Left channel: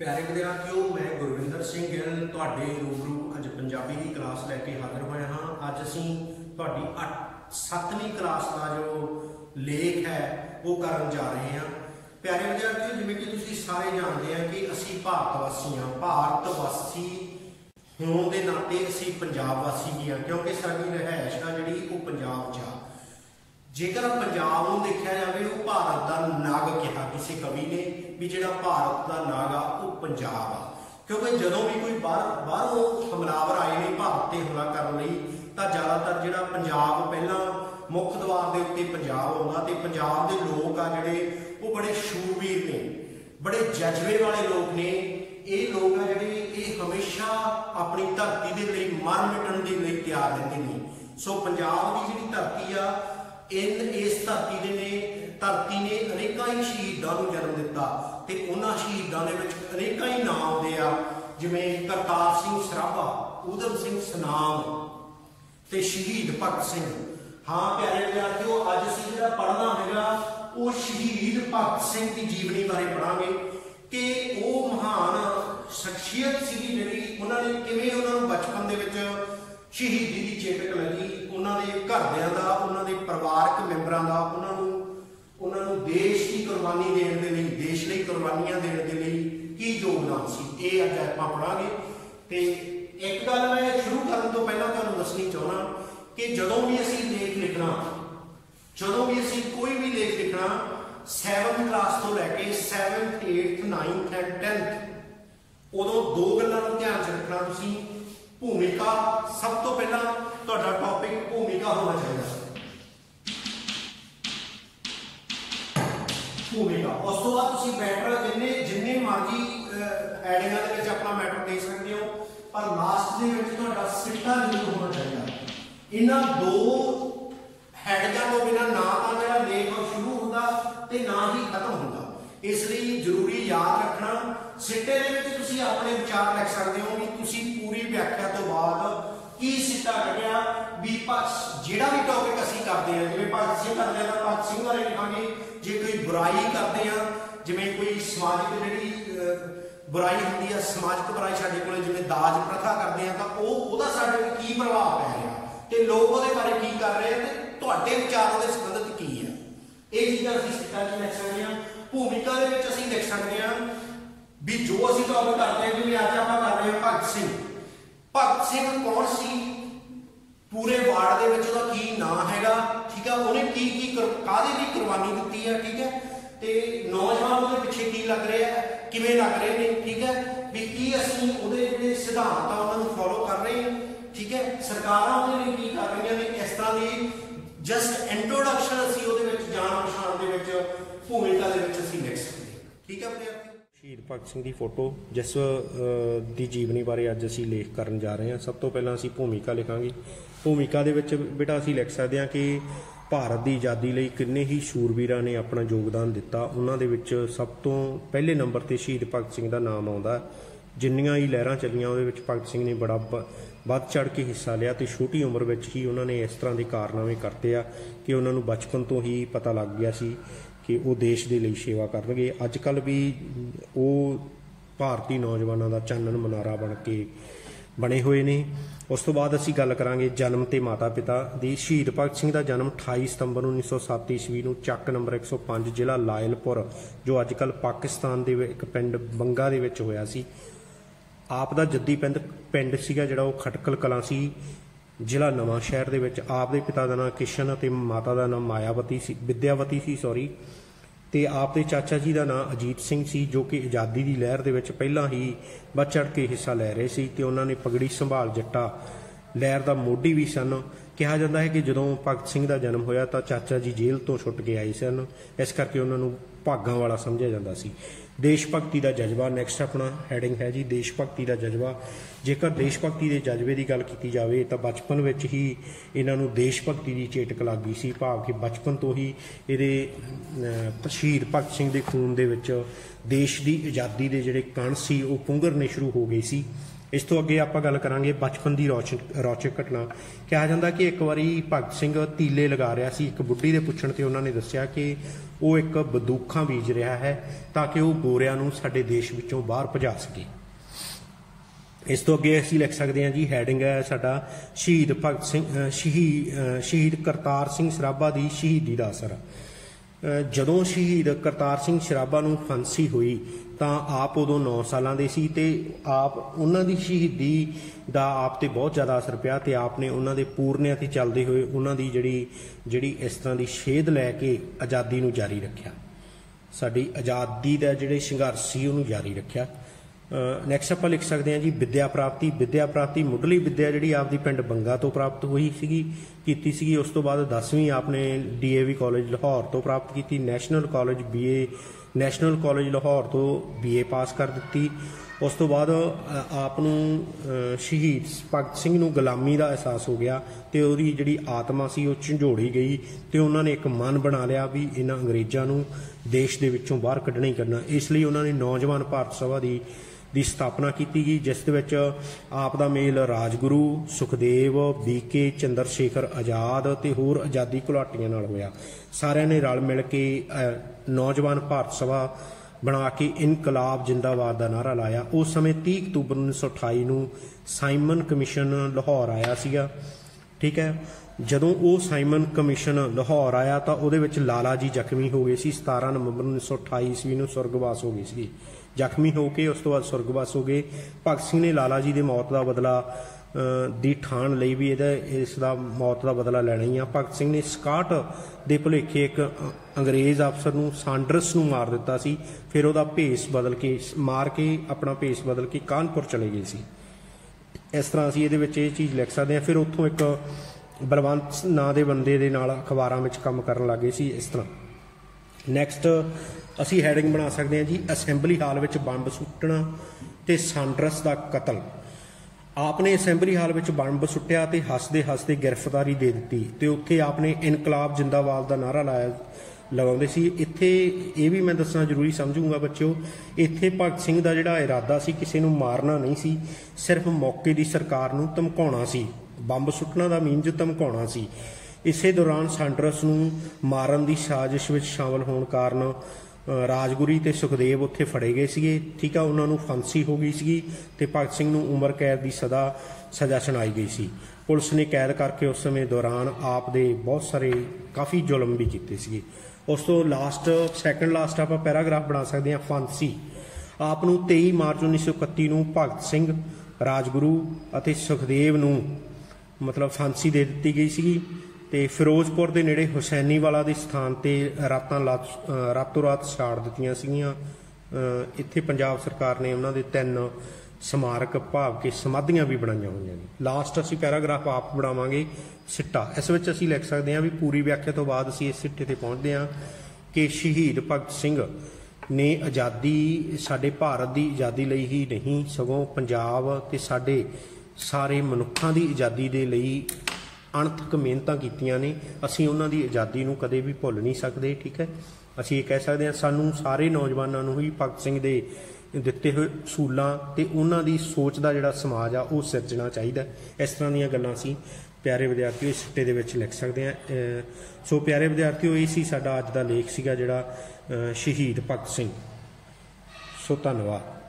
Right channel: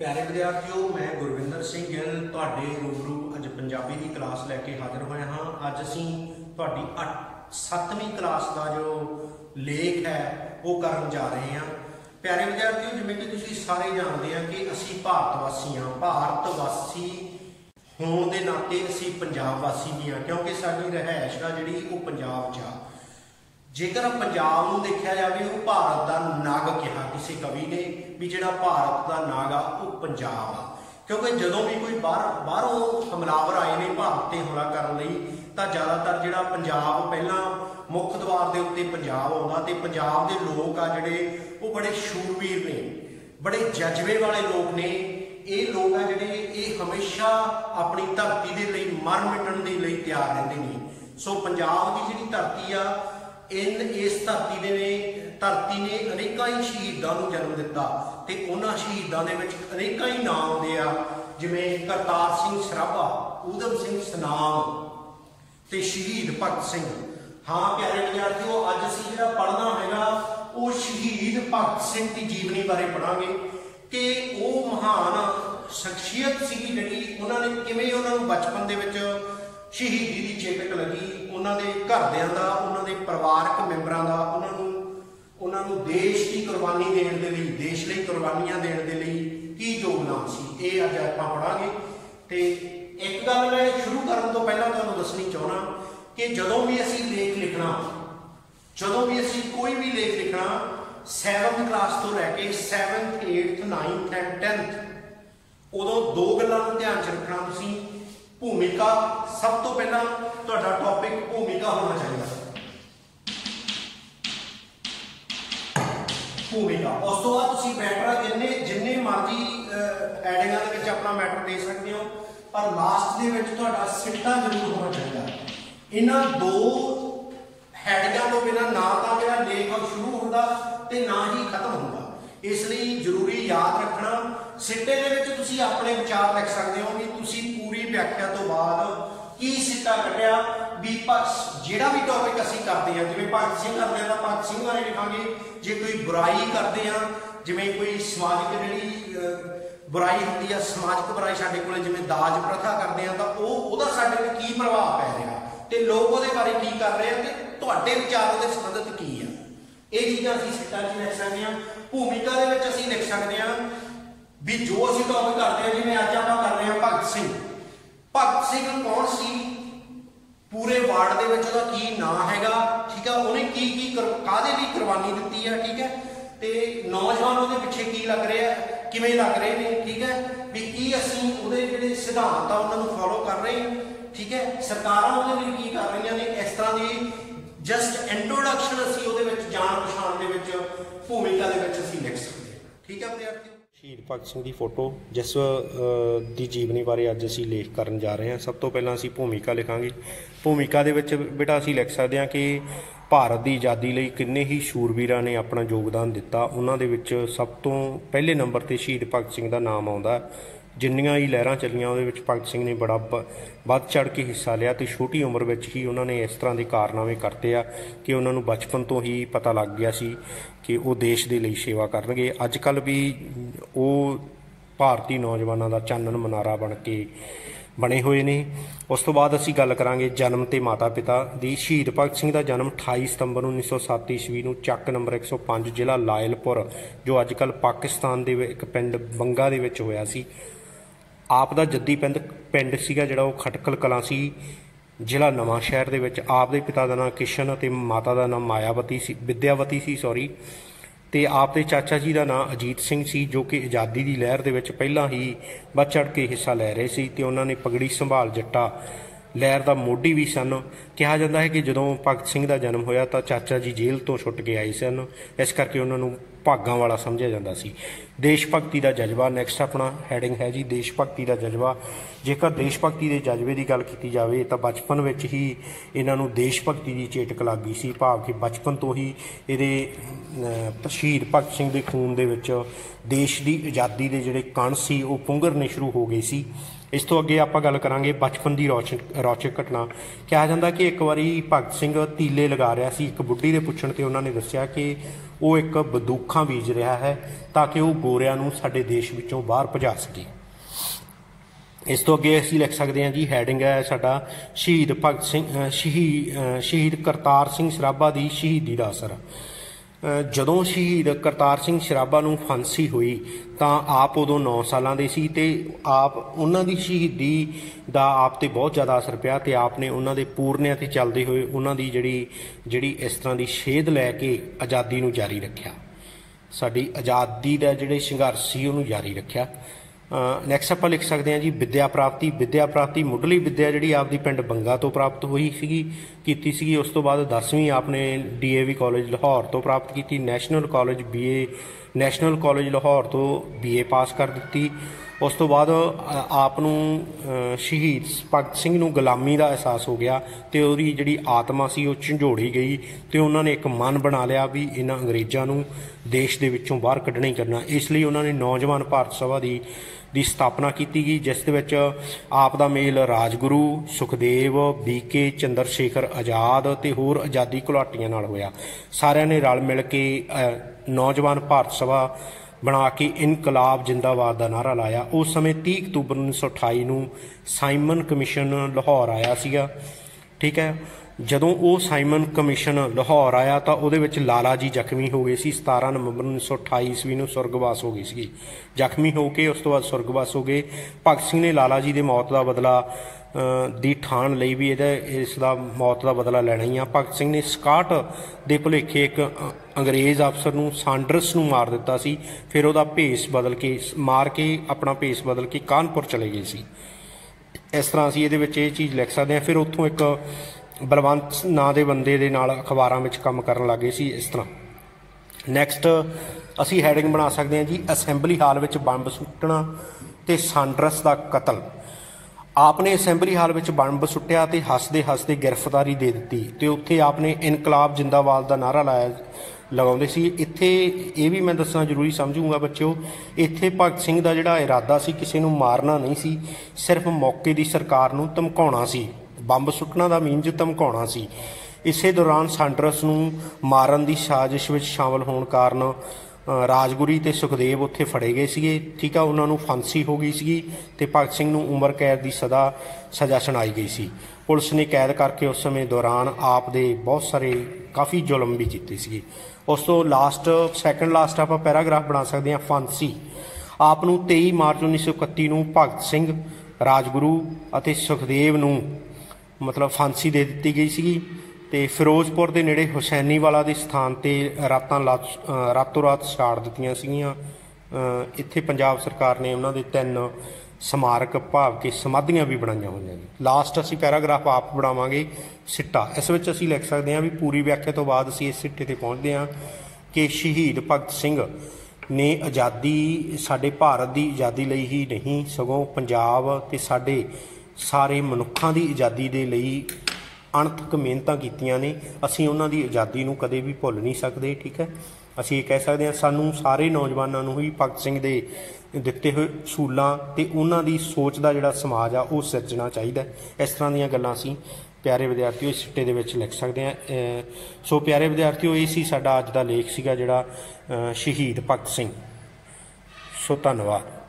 प्यारे विद्यार्थियों, मैं गुरविंदर सिंह गिल तुहाडे रूबरू अज पंजाबी की क्लास लैके हाजिर होया हाँ। अज असी तुहाडी 7वीं क्लास का जो लेख है वो करन जा रहे हैं। प्यारे विद्यार्थियों, जिवें कि तुसीं सारे जानते हैं कि असी भारतवासी हाँ। भारतवासी होने के नाते असी पंजाब वासी भी हाँ, क्योंकि साडी रहायश आ जिहड़ी वो पंजाब च आ। जेकर पंजाब नूं देखा जाए वो भारत का नग कहा किसी कवि ने भी जिहड़ा भारत का नग आ वो पंजाब आ। क्योंकि जदों भी कोई बाहरों हमलावर आए ने भारत ते हमला करने लई तां ज़्यादातर जिहड़ा पंजाब पहला मुख द्वार के उत्ते पंजाब आउंदा ते पंजाब के लोग आ जिहड़े वो बड़े शूरवीर ने, बड़े जज्बे वाले लोग ने। ये लोग आ जिहड़े ये हमेशा अपनी धरती के लिए मर मिटण के लिए तैयार रहंदे ने। सो पंजाब की जिहड़ी धरती आ इस धरती ने अनेक ही शहीदों को जन्म दिता ते उन्हां शहीदों दे विच अनेक ही नाम आउंदे आ, जिवें करतार सिंह सराभा, ऊधम सिंह सनाम ते शहीद भगत सिंह। हाँ प्यारे विद्यार्थियों, अज असीं जिहड़ा पढ़ना हैगा वो शहीद भगत सिंह की जीवनी बारे पढ़ांगे कि वो महान शख्सियत सी जिहड़ी उन्होंने किवें उन्होंने बचपन दे विच शहीदी की चेटक लगी, उन्होंने घरदियां दा, उन्होंने परिवारक मैंबरां दा, उन्होंने देश की कुर्बानी देने के लिए, देश लई कुर्बानियां देने के लिए की योगदान सी, ये अज आपां पढ़ांगे। ते एक गल मैं शुरू करन तो पहलां तुहानूं दसनी चाहुंदा कि जदों भी असीं लेख लिखना, जदों भी असीं कोई भी लेख लिखना 7th क्लास तो लैके 7th 8th 9th and 10th उदों दो गल्लां नूं ध्यान च रखना तुसीं। भूमिका सब तो पहला तुहाडा टॉपिक भूमिका होना चाहिए। भूमिका उस तो बाद तुसीं मैटर जिन्ने मर्जी हैडिंगां दे विच अपना मैटर दे सकते हो, पर लास्ट दे विच तुहाडा सिट्टा जरूर होना चाहिए। इन्हां दो हैडिंगां तो बिना ना तां जिहड़ा लेख शुरू हुंदा ते ना ही खत्म हुंदा, इसलिए जरूरी याद रखना। सिट्टे दे विच तुसीं अपने विचार लिख सकते हो कि तुसीं पूरी व्याख्या तो बाद की सिट्टा कढ़िया भी जिहड़ा भी टॉपिक असीं करते हैं। जिवें भगत सिंह करते हैं तो भगत सिंह बारे लिखांगे, जे कोई बुराई करते हैं, जिवें कोई समाजिक जिहड़ी बुराई हुंदी है, समाजिक बुराई साडे कोल जिवें दाज प्रथा करते हैं तो उहदा साडे ते की प्रभाव पै रिहा ते लोग उहदे बारे की कर रहे हैं ते तुहाडे विचार उहदे संबंधित की है। ये चीज़ां असीं सिट्टां 'च लिख सकते हैं। भूमिका दे विच असीं लिख सकते हैं भी जो असीं टॉपिक करते हैं, जिवें अज आपां कर रहे हैं भगत सिंह। भगत सिंह कौन सी, पूरे वार्ड दे विच उहदा की नाम हैगा, ठीक है, उन्हें की काहदे दी कुर्बानी दित्ती है, ठीक है, ते नौजवान उहदे पिछे की लग रहे हैं, किवें लग रहे हैं, ठीक है, भी की असीं उहदे जिहड़े सिद्धांत आ उन्हां नूं फॉलो कर रहे हैं, ठीक है, सरकारां उहदे लई की कर रही ने। इस तरह की जस्ट इंट्रोडक्शन असीं उहदे विच जाण पछाण दे विच भूमिका दे विच असीं लिख सकते हैं। ठीक है विद्यार्थियों, शहीद भगत सिंह की फोटो जिस की जीवनी बारे अज असीं लेख करन जा रहे हैं। सब तो पहलां असीं भूमिका लिखांगे। भूमिका दे विच बेटा असीं लिख सकते हैं कि भारत की आज़ादी लई किन्ने ही शूरवीरां ने अपना योगदान दिता। उन्हां दे विच सब तो पहले नंबर ते शहीद भगत सिंह का नाम आउंदा है। जिन्नियां ही लहरां चलियां उहदे विच भगत सिंह ने बड़ा वध चढ़ के हिस्सा लिया तो छोटी उम्र में ही उन्होंने इस तरह के कारनामे करते आ कि उन्होंने बचपन तो ही पता लग गया सी कि वो देश के लिए सेवा करनगे। अजकल भी वो भारतीय नौजवानों का चानन मनारा बन के बने हुए ने। उस तो बाद असीं गल करांगे जन्म ते माता पिता दी। शहीद भगत सिंह का जन्म 28 सितंबर 1907 ईस्वी नूं चक नंबर 105 जिला लायलपुर जो अजकल पाकिस्तान के एक पिंड बंगा दे विच होया सी। आप दा जद्दी पिंड सीगा जिहड़ा वो खटकल कलां सी, जिला नवां शहर दे विच। आप दे पिता का नाम किशन ते माता का नाम मायावती सी, विद्यावती सी सॉरी, ते आप दे चाचा जी का नाम अजीत सिंह सी जो कि आज़ादी की लहर दे विच पहलां ही बढ़ चढ़ के हिस्सा लै रहे सी ते उन्होंने पगड़ी संभाल जट्टा लहर का मोढी भी सन। कहा जाता है कि जदों भगत सिंह का जन्म होया तो चाचा जी जेल तो छुट के आए सन, इस करके उन्होंने भागां वाला समझिया जाता सी। देश भगती का जज्बा नैक्सट अपना हैडिंग है जी, देश भगती का जज्बा। जेकर देश भगती के जज्बे की गल की जाए तो बचपन में ही इन्हों देश भगती की चेटक लग गई सी, भाव कि बचपन तो ही ये शहीद भगत सिंह के खून दे विच देश की आज़ादी के जिहड़े कण सी वो पुंगरने शुरू हो गए सी। इस तो अगे आप गल करांगे बचपन की रौचक घटना। कहा जाता कि एक बारी भगत सिंह तीले लगा रहा सी, एक बुढ़ी के पुछण ते उन्होंने दस्सिया कि वो एक बंदूकां बीज रहा है ताकि वो गोरियां नूं साडे देश विचों बाहर भजा सके। इस तो अगे असीं लिख सकते हैं जी, हैडिंग है साडा शहीद भगत सिंह शहीद करतार सिंह सराभा की शहीदी का असर। जदों शहीद करतार सिंह सराभा नूं फांसी हुई तां आप उदों 9 सालां दे सी ते आप उन्हां दी शहीदी दा आप ते बहुत ज़्यादा असर पिया ते आपने उन्हां दे पूरनिਆਂ ते चलदे होए उन्हां दी जिहड़ी इस तरह की सेध लैके आज़ादी नूं जारी रखिया, साडी आज़ादी दा जिहड़े संघर्ष सी उहनूं जारी रखिया। नैक्सट आप लिख सकते हैं जी विद्या प्राप्ति मुढ़ली विद्या जी आपकी पिंड बंगा तो प्राप्त हुई सी। उस तो बाद 10वीं आपने DAV कॉलेज लाहौर तो प्राप्त की। नैशनल कॉलेज लाहौर तो BA पास कर दी। उस तो बाद आपनू शहीद भगत सिंह नूं गुलामी का एहसास हो गया तो उहदी जिहड़ी आत्मा सी वो झंझोड़ी गई तो उन्होंने एक मन बना लिया भी इन्हां अंग्रेज़ां नूं देश दे विचों बाहर कढ़ना ही करना। इसलिए उन्होंने नौजवान भारत सभा की स्थापना की गई, जिस दे विच आप दा मेल राजगुरू सुखदेव BK चंद्रशेखर आज़ाद ते होर आज़ादी घुलाटियां नाल होया। सारिਆਂ ने रल मिल के नौजवान भारत सभा बना के इनकलाब जिंदाबाद का नारा लाया। उस समय 30 अक्तूबर 1928 नूं साइमन कमीशन लाहौर आया सीगा, ठीक है। जदों वो साइमन कमीशन लाहौर आया तो उहदे विच लाला जी जख्मी हो गए सी। 17 नवंबर 1928 ईस्वी नूं सुरगवास हो गई सी, जख्मी होके उस तो बाद सुरगवास हो गए। भगत सिंह ने लाला जी की मौत का बदला दी ठान लई भी इसका मौत का बदला लेना ही आ। भगत सिंह ने 61 के भुलेखे एक अंग्रेज़ अफसर नूं सांडर्स नूं मार दिता सी, फिर उहदा भेस बदल के मार के अपना भेस बदल के कानपुर चले गए सी। इस तरह असीं इहदे विच इह चीज़ लिख सकते हैं। फिर उत्थों एक बलवंत नां दे बंदे दे नाल अखबारां विच काम करन लग गए सी। इस तरह नैक्सट असीं हैडिंग बना सकते हैं जी असैंबली हाल विच बंब सुट्टना ते सांडर्स का कतल। आपने असैंबली हाल में बंब सुट्टिया तो हसदे हसदे गिरफ्तारी दे दी तो उत्थे आपने इनकलाब जिंदाबाद का नारा लाया लगाउंदे सी। इत्थे ये भी मैं दसना जरूरी समझूंगा बच्चों, इत्थे भगत सिंह का जिहड़ा इरादा सी किसी नूं मारना नहीं सी, सिर्फ मौके की सरकार नूं धमकाउणा सी। बंब सुट्टना का मीनज धमकाउणा सी। इसे दौरान सांडर्स नूं मारन की साजिश में शामिल होने कारण राजगुरी ते सुखदेव उत्थे फड़े गए सी, ठीक है। उन्होंने फांसी हो गई सी ते भगत सिंह नूं उम्र कैद की सज़ा सुनाई गई सी। पुलिस ने कैद करके उस समय दौरान आप दे बहुत सारे काफ़ी जुल्म भी कीते सी। उस तो लास्ट सैकेंड लास्ट आप पैराग्राफ बना सकते हैं फांसी। आप नूं 23 मार्च 1931 नूं भगत सिंह राजगुरू अते सुखदेव नूं मतलब फांसी दे दी गई सी ते फिरोजपुर के नेड़े हुसैनीवाला के स्थान पर रातों रात छाड़ दित्तियां सीगीआं। इत्थे पंजाब सरकार ने उन्होंने 3 समारक भाव के समाधियां भी बनाईयां होईयां ने। लास्ट असीं पैराग्राफ आप बनावांगे सिट्टा। इस विच असीं लिख सकते हैं भी पूरी व्याख्या तो बाद असीं इस सिट्टे ते पहुंचते हैं कि शहीद भगत सिंह ने आज़ादी साडे भारत की आज़ादी लई ही नहीं सगों पंजाब ते साडे सारे मनुक्खां दी आज़ादी दे लई अणथक मेहनतां कीतियां ने। असीं उन्हां दी आज़ादी नूं कदे भी भुल नहीं सकते, ठीक है। असीं ये कह सकते हैं सानूं सारे नौजवानों नूं ही भगत सिंह दे दिते हुए असूलों ते उन्हां दी सोच का जिहड़ा समाज आ वो सिरजना चाहिए। इस तरह दीयां गल्लां असीं प्यारे विद्यार्थियों इस सिट्टे दे विच लिख सकते हैं। सो प्यारे विद्यार्थियों ये सी साडा अज दा लेख सीगा जिहड़ा शहीद भगत सिंह। सो धन्नवाद।